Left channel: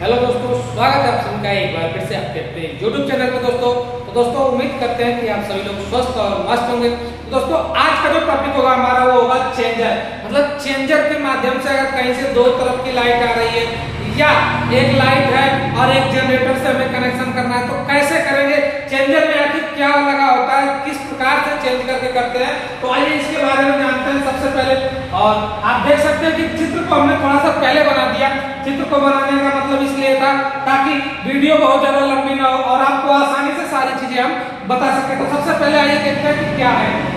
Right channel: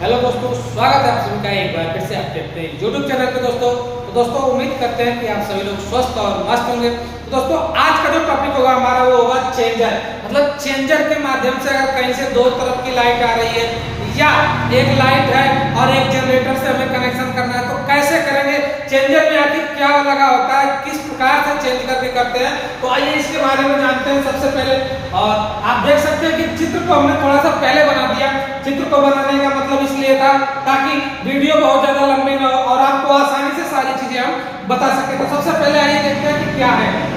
Hello दोस्तों, स्वागत है आप सभी का एक बार फिर से आपके अपने YouTube चैनल पे दोस्तों। तो दोस्तों उम्मीद करते हैं कि आप सभी लोग स्वस्थ और मस्त होंगे। तो दोस्तों आज का जो टॉपिक होगा हमारा वो होगा चेंजर। मतलब चेंजर के माध्यम से अगर कहीं से दो तरफ की लाइट आ रही है या एक लाइट है और एक जनरेटर से हमें कनेक्शन करना है तो कैसे करेंगे, चेंजर में आखिर क्या लगा होता है, किस प्रकार से चेंज करके करते हैं। तो आइए इसके बारे में जानते हैं सबसे पहले। और आप देख सकते हैं कि चित्र को हमने थोड़ा सा पहले बना दिया। चित्र को बनाने का मतलब इसलिए था ताकि वीडियो बहुत ज्यादा लंबी ना हो और आपको आसानी से सारी चीजें हम बता सके। तो सबसे पहले आइए देखते हैं कि क्या है।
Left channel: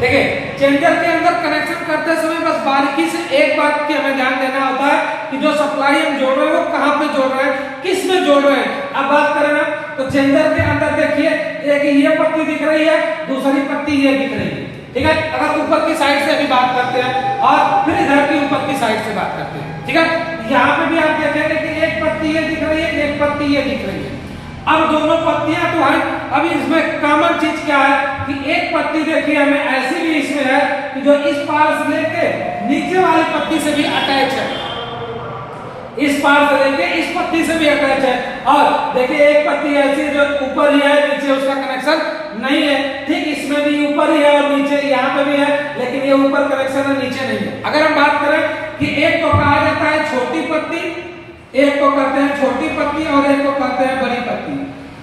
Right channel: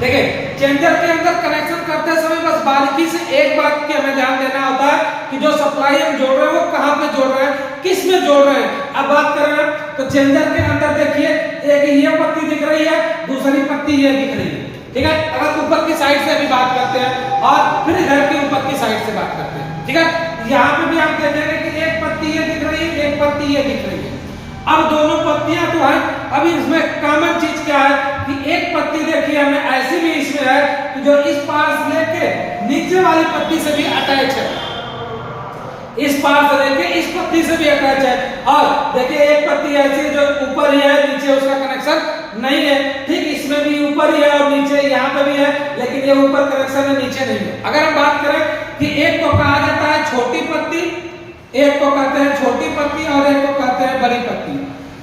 देखिए, चेंजर के अंदर कनेक्शन करते समय बस बारीकी से एक बात की हमें ध्यान देना होता है कि जो सप्लाई हम जोड़ रहे हैं वो कहां पे जोड़ रहे हैं, किस में जोड़ रहे हैं। अब बात करें ना तो चेंजर के अंदर देखिए एक ये पत्ती दिख रही है, दूसरी पत्ती ये दिख रही है। ठीक है, अगर ऊपर की साइड से अभी बात करते हैं और फिर इधर की ऊपर की साइड से बात करते हैं। ठीक है, यहाँ पे भी आप देखेंगे कि एक पत्ती ये दिख रही है, एक पत्ती ये दिख रही है। अब दोनों पत्तियां तो हैं, अभी इसमें कॉमन चीज क्या है कि एक पत्ती देखिए हमें ऐसी भी इसमें है कि जो इस पार से लेके नीचे वाली पत्ती से भी अटैच है, इस पार से लेके इस पत्ती से भी अटैच है। और देखिए एक पत्ती ऐसी है जो ऊपर ही है, नीचे उसका कनेक्शन नहीं है। ठीक इसमें भी ऊपर ही है और नीचे यहाँ पे भी है, लेकिन ये ऊपर कनेक्शन है, नीचे नहीं है। अगर हम बात करें कि एक को कहा जाता है छोटी पत्ती, एक को कहते हैं छोटी पत्ती और एक को कहते हैं बड़ी पत्ती।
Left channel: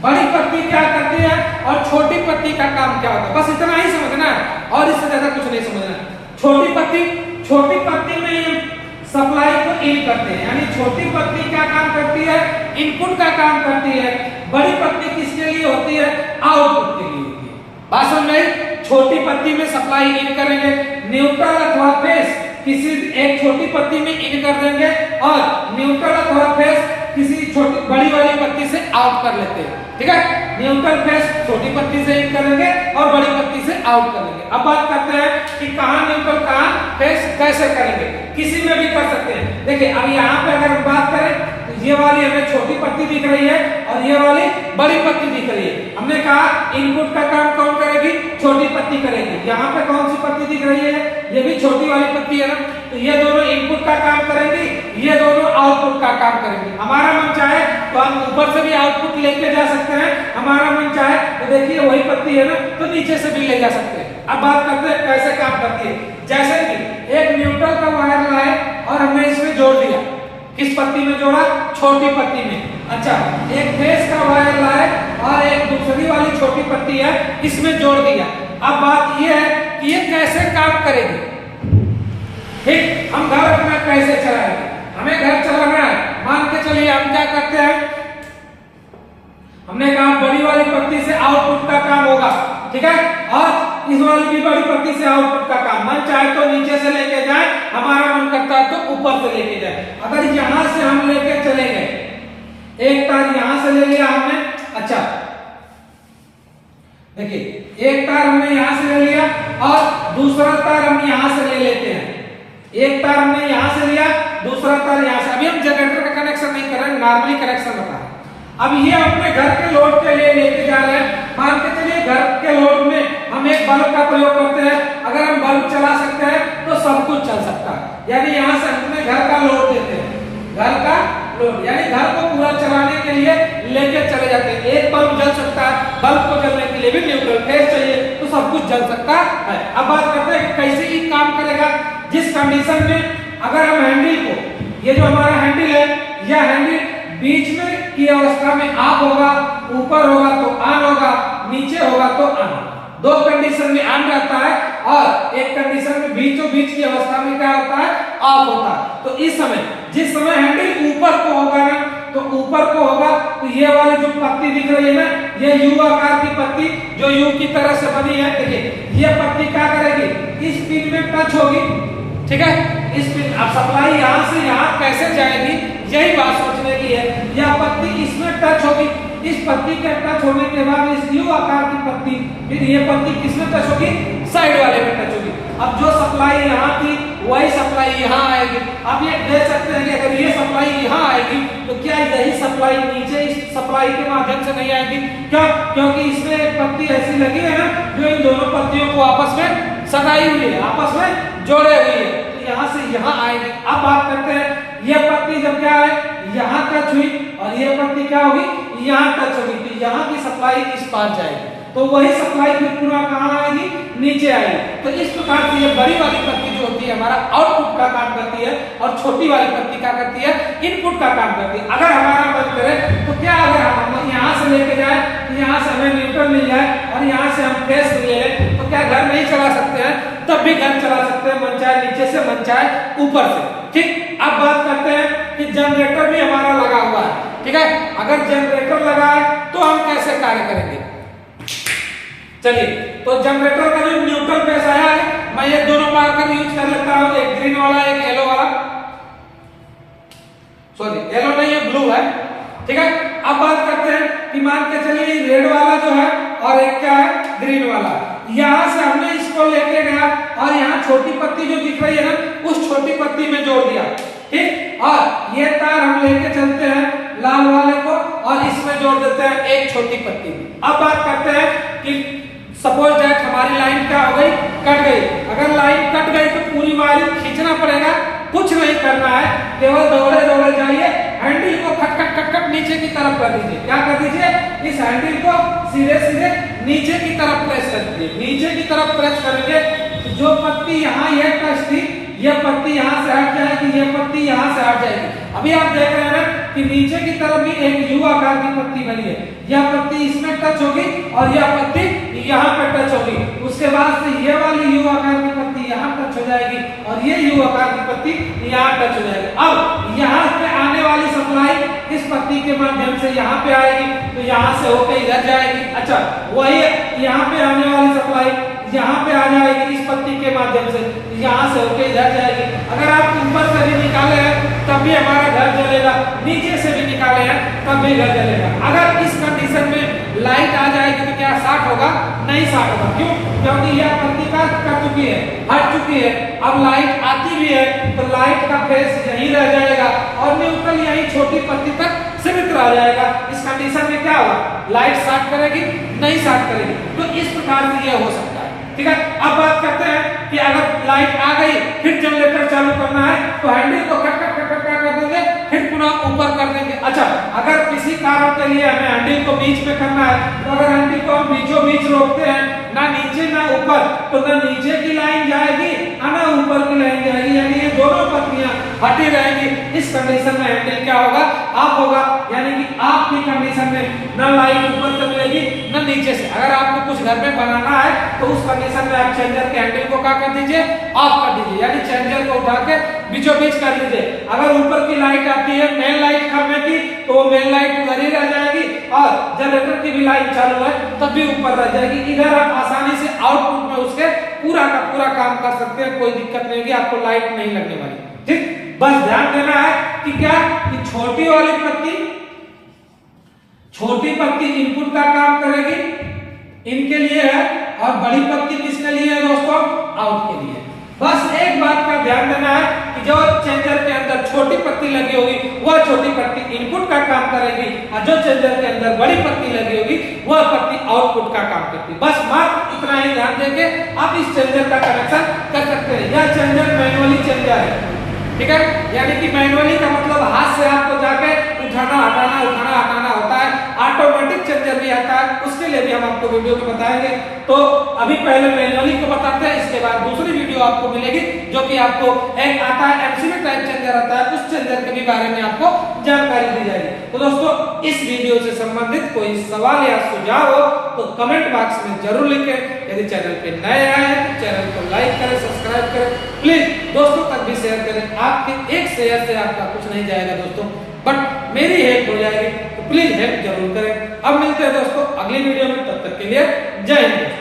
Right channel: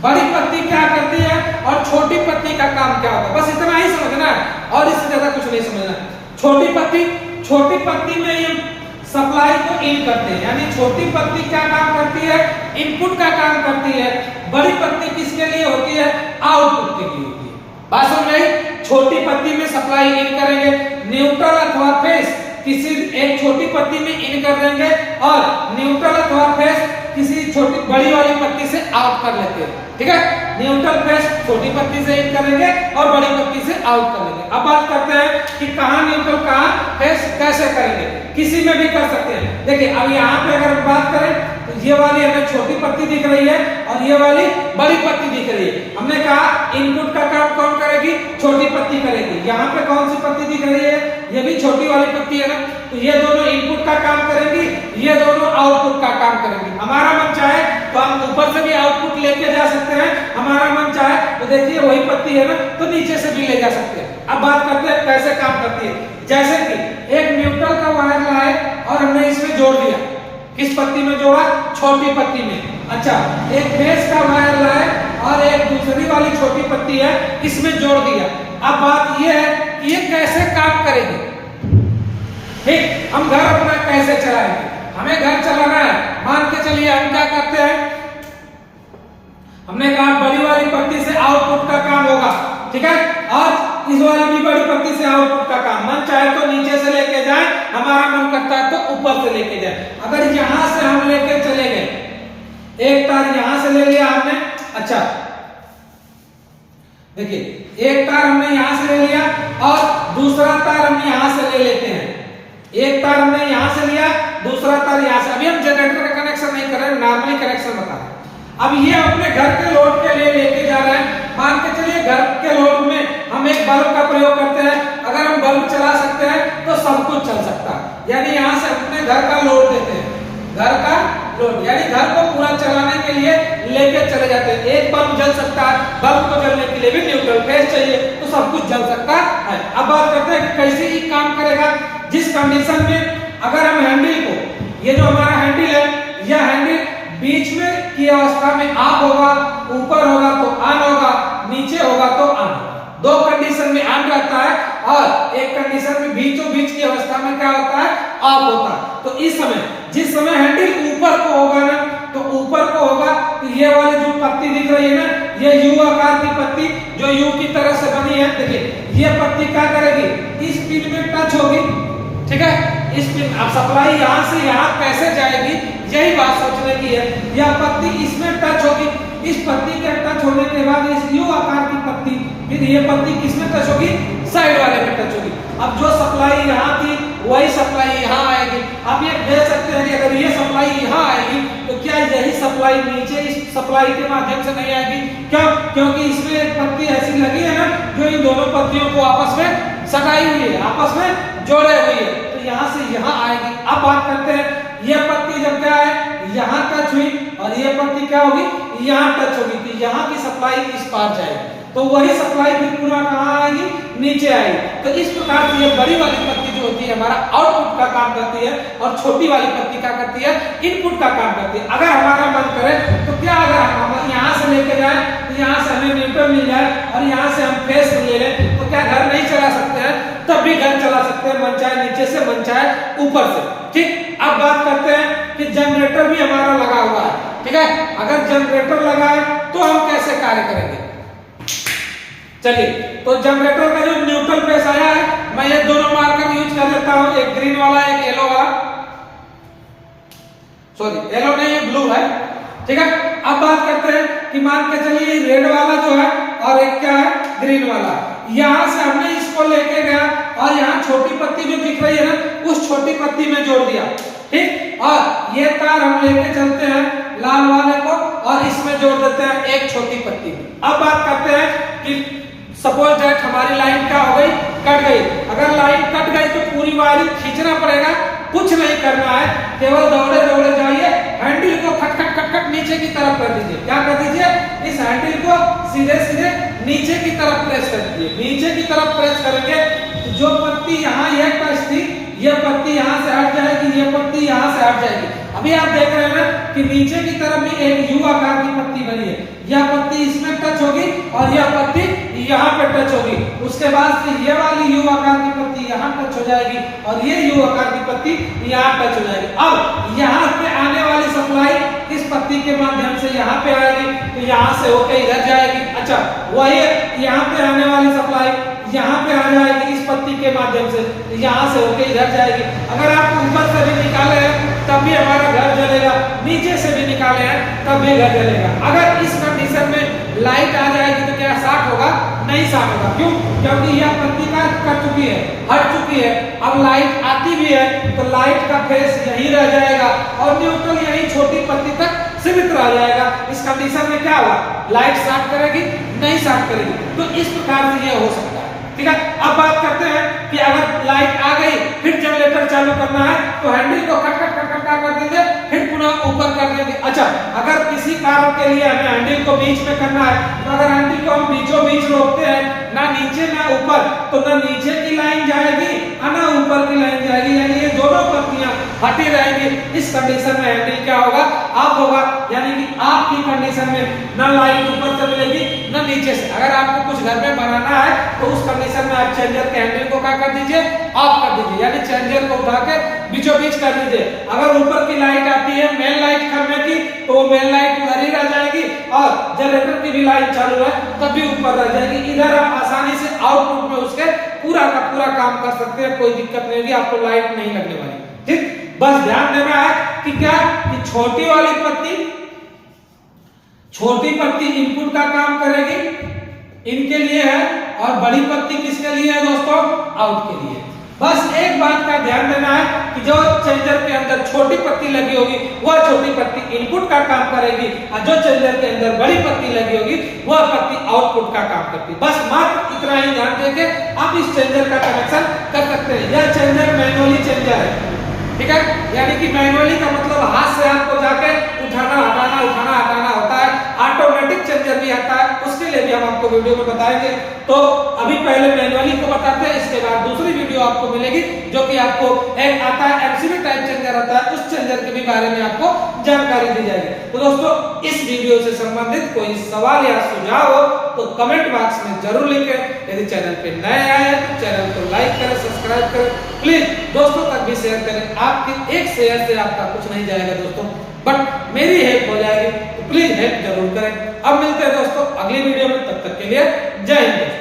बड़ी पत्ती क्या करती है और छोटी पत्ती का काम क्या होता है, बस इतना ही समझना है और इससे ज्यादा कुछ नहीं समझना। छोटी पत्ती में ये सप्लाई को इन करते हैं, यानी छोटी पत्ती क्या काम करती है, इनपुट का काम करती है। बड़ी पत्ती किसके लिए होती है, आउटपुट के लिए होती है। बात समझ में आई? छोटी पत्ती में सप्लाई इन करेंगे, न्यूट्रल अथवा फेस किसी एक छोटी पत्ती में इन कर देंगे और न्यूट्रल अथवा फेस किसी छोटी बड़ी वाली पत्ती से आउट कर लेते हैं। ठीक है, न्यूट्रल फेस छोटी पत्ती से इन करेंगे और बड़ी पत्ती से आउट कर लेंगे। अब बात करते हैं कि कहां न्यूट्रल कहां फेस कैसे करेंगे, किसी में भी कर सकते हैं। देखिए अब यहाँ पे अगर बात करें तो ये वाली हमें छोटी पत्ती दिख रही है और ये वाली बड़ी पत्ती दिख रही है। हमने कहा इनपुट का काम कौन करेगी, छोटी पत्ती करेगी। यहाँ पे कौन सी पत्ती दिख रही है, ये भी छोटी वाली पत्ती है ना, तो ये दोनों इनपुट का काम करेंगी, ये दोनों आउटपुट का काम करेंगी। हमारा मन चाहे तो हम ऊपर से भी आउटपुट लेके जा सकते हैं, हमारा मन चाहे तो देखिए वही पत्ती है ना तो नीचे से भी ले जा सकते हैं। अब बात करते हैं कैसे काम करती है। जैसे कि एक न्यूट्रल का वायर लाए और हमने इसमें जोड़ दिया, किस पत्ती में जोड़ा, छोटी पत्ती में। अच्छा, एक फेस का वायर लाए और एक दूसरी वाली छोटी पत्ती है इसमें जोड़ दिया। अब बात यह है कि ये कैसे काम करेगी। ठीक, हम घर अपना कैसे चलाएंगे, हमें घर चलाना है। मान के चलिए हम क्या करते हैं, हमने कहा बड़ी वाली पत्ती से आउटपुट का काम होगा। ठीक है, और इस वाली भी बड़ी पत्ती से आउटपुट का काम, मन चाहे तो नीचे से लेके जाए, हमारा मन करता है तो ऊपर से लेके जाए। अगर यहां से हम लेके चले गए, एक तार यहां से ले लिया हमने। अच्छा देखिए एक तार हमने यहां से ले लिया और दूसरा तार हम यहां से ले लेते हैं। एक तार हमने यहां से लिया, दूसरा तार यहां से। अभी हम जनरेटर का कनेक्शन नहीं कर रहे हैं, नॉर्मली कनेक्शन बता रहे हैं। अब ये अपने घर के लोड के लिए लेके जा रहे हैं। मान के चलिए घर के लोड में हम एक बल्ब का प्रयोग करते हैं, अगर हम बल्ब चला सकते हैं तो सब कुछ चल सकता है। यानी यहाँ से अपने घर का लोड देते हैं, घर का लोड यानी घर को पूरा चलाने के लिए लेके चले जाते हैं। एक बल्ब जल सकता है, बल्ब को जलने के लिए भी न्यूट्रल फेस चाहिए, तो सब कुछ जल सकता है। अब बात करते हैं कैसे ही काम करेगा। जिस कंडीशन में अगर हम हैंडल को, ये जो हमारा हैंडल है, यह हैंडल बीच में की अवस्था में ऑफ होगा, ऊपर होगा तो ऑन होगा, नीचे होगा तो ऑन। दो कंडीशन में ऑन रहता है और एक कंडीशन में बीचों बीच की अवस्था में क्या होता है, ऑफ होता है। तो इस समय जिस समय हैंडल ऊपर को होगा ना, तो ऊपर को होगा तो ये वाली जो पत्ती दिख रही है ना, ये यू आकार की पत्ती जो यू की तरह से बनी है। देखिए ये पत्ती क्या करेगी, इस पिन में टच होगी। ठीक है, इस पिन, अब सप्लाई यहां से यहां कैसे जाएगी, यही बात सोचने की है। यह पत्ती इसमें टच होगी, इस पत्ती के टच होने के बाद इस यू आकार की पत्ती, फिर ये पत्ती किसमें टच होगी, साइड वाले में टच होगी। अब जो सप्लाई यहाँ थी वही सप्लाई यहाँ आएगी। आप ये देख सकते हैं कि अगर ये सप्लाई यहाँ आएगी तो क्या यही सप्लाई नीचे इस सप्लाई के माध्यम से नहीं आएगी? क्यों? क्योंकि इसमें एक पत्ती ऐसी लगी है ना जो इन दोनों पत्तियों को आपस में सटाई हुई है, आपस में जोड़े हुई है, तो यहाँ से यहाँ आएगी। अब बात करते हैं ये पत्ती जब क्या है यहाँ और ये पत्ती क्या होगी, यहाँ टच होगी, तो यहाँ की सप्लाई इस पार जाएगी, तो वही सप्लाई फिर पूरा कहाँ आएगी, नीचे आएगी। तो इस प्रकार से ये बड़ी वाली पत्ती जो होती है हमारा आउटपुट का काम करती है, और छोटी वाली पत्ती क्या करती है, इनपुट का काम करती है। अगर हमारा मन करे तो क्या, अगर हम यहाँ से लेके जाए, यहाँ से हमें न्यूट्रल मिल जाए और यहाँ से हम फेस ले लें, तो क्या घर नहीं चला सकते हैं, तब भी घर चला सकते हैं, मन चाहे नीचे से, मन चाहे ऊपर से। ठीक, अब बात करते हैं कि जनरेटर भी हमारा लगा हुआ है, ठीक है। अगर जनरेटर लगा है तो हम कैसे कार्य करेंगे, चलिए। तो जनरेटर का जो न्यूट्रल फेस आया है, मैं ये दोनों मार्कर यूज कर लेता हूं, एक ग्रीन वाला एक येलो वाला, सॉरी येलो नहीं, ये ब्लू है, ठीक है। अब बात करते हैं कि मान के चलिए रेड वाला जो है और एक क्या है, ग्रीन वाला। यहां से हमने इसको लेके गया और यहाँ छोटी पत्ती जो दिख रही है ना, उस छोटी पत्ती में जोड़ दिया, ठीक। और ये तार हम लेके चलते हैं लाल वाले को और इसमें जोड़ देते हैं एक छोटी पत्ती। अब बात करते हैं कि सपोज दैट हमारी लाइन क्या हो गई, कट गई। अगर लाइन कट गई तो पूरी वायरिंग खींचना पड़ेगा, कुछ नहीं करना है, केवल दौड़े दौड़े जाइए, हैंडल को खट खट खट खट नीचे की तरफ कर दीजिए। क्या कर दीजिए, इस हैंडल को सीधे सीधे नीचे की तरफ प्रेस कर दीजिए। नीचे की तरफ प्रेस करेंगे, जो पत्ती यहाँ ये टच थी, ये पत्ती यहाँ से हट जाएगी, ये पत्ती यहाँ से हट जाएगी। अभी आप देख रहे हैं कि नीचे की तरफ भी एक यू आकार की पत्ती बनी है, यह पत्ती इसमें टच होगी और यह पत्ती यहाँ पे टच होगी। उसके बाद से ये वाली यू आकार की पत्ती यहाँ टच हो जाएगी और ये यू आकार की पत्ती यहाँ टच हो जाएगी। अब यहाँ पे आने वाली सप्लाई इस पत्ती के माध्यम से यहाँ पे आएगी, तो यहाँ से होके इधर जाएगी। अच्छा, वही यहाँ पे आने वाली सप्लाई यहाँ पे आ जाएगी इस पत्ती के माध्यम से, यहाँ से होके इधर जाएगी। अगर आप ऊपर से भी निकाले हैं तब भी हमारा घर जलेगा, नीचे से भी निकाले हैं तब भी घर जलेगा। अगर इस कंडीशन में लाइट आ जाएगी तो क्या शॉर्ट होगा, नहीं शॉर्ट होगा। क्यों, क्योंकि यह पत्ती का कट चुकी है, हट चुकी है। अब लाइट आती भी है तो लाइट का फेस यहीं रह जाएगा और न्यूट्रल यहीं छोटी पत्ती तक सीमित रह जाएगा। इस कंडीशन में क्या होगा, लाइट शॉर्ट करेगी, नहीं शॉर्ट करेगी। तो इस प्रकार से यह हो सकता है, ठीक है। अब बात करते हैं कि अगर लाइट आ गई, फिर जनरेटर चालू करना है तो हैंडल को खट खट खट खट कर देंगे, फिर पुनः ऊपर कर देंगे। अच्छा, अगर किसी कारण के लिए हमें हैंडल को बीच में करना है, तो अगर हैंडल को हम बीचों बीच रोकते हैं, ना नीचे ना ऊपर, तो ना नीचे की लाइन जाएगी ना ऊपर की लाइन जाएगी, यानी ये दोनों पत्तियां हटी रहेंगी। इस कंडीशन में हैंडल क्या होगा, ऑफ होगा, यानी कि आपकी कंडीशन में ना लाइट ऊपर से मिलेगी ना नीचे से। अगर आपको कुछ घर में बनाना है तो उस कंडीशन में आप चेंजर के हैंडल को क्या कर दीजिए, ऑफ कर दीजिए, यानी चेंजर को उठा के बीचों बीच कर लीजिए। अगर ऊपर की लाइट आती है, मेन लाइट खंभे की, तो वो मेन लाइट उधर ही रह जाएगी और जनरेटर की भी लाइट चालू है तब भी ऊपर रह जाएगी। इधर आप आसानी से आउटपुट में उसके पूरा का पूरा काम कर सकते हैं, कोई दिक्कत नहीं होगी, आपको लाइट नहीं लगने वाली। ठीक, बस ध्यान देना है कि क्या, कि छोटी वाली पत्ती, छोटी पत्ती इनपुट का काम करेगी, इनके लिए है, और बड़ी पत्ती किसके लिए है दोस्तों, आउट के लिए। बस एक बात का ध्यान देना है कि जो चेंजर के अंदर छोटी पत्ती लगी होगी वह छोटी पत्ती इनपुट का काम करेगी, और जो चेंजर के अंदर बड़ी पत्ती लगी होगी वह पत्ती आउटपुट का काम करती है। बस मात्र इतना ही ध्यान देके आप इस चेंजर का कनेक्शन कर सकते हैं। यह चेंजर मैनुअली चेंजर है, ठीक है, यानी कि मैनुअली का मतलब हाथ से आपको जाके उठाना हटाना होता है। ऑटोमेटिक चेंजर भी आता है, उसके लिए भी हम आपको वीडियो में बताएंगे। तो अभी पहले मैनुअली को बताते हैं, इसके बाद दूसरी वीडियो आपको मिलेगी जो कि आपको एक आता है एमसीबी टाइप चेंजर आता है, उस चेंजर के भी बारे में आपको जानकारी दी जाएगी। तो दोस्तों, इस वीडियो से संबंधित कोई सवाल या सुझाव हो तो कमेंट बॉक्स में जरूर लिखें। यदि चैनल पे नए आए हैं तो चैनल को लाइक करें, सब्सक्राइब करें, प्लीज दोस्तों तक भी शेयर करें। आपके एक शेयर से आपका कुछ नहीं जाएगा दोस्तों, बट मेरी हेल्प हो जाएगी, तो प्लीज हेल्प जरूर करें। अब मिलते हैं दोस्तों अगली वीडियो में, तब तक के लिए जय हिंद।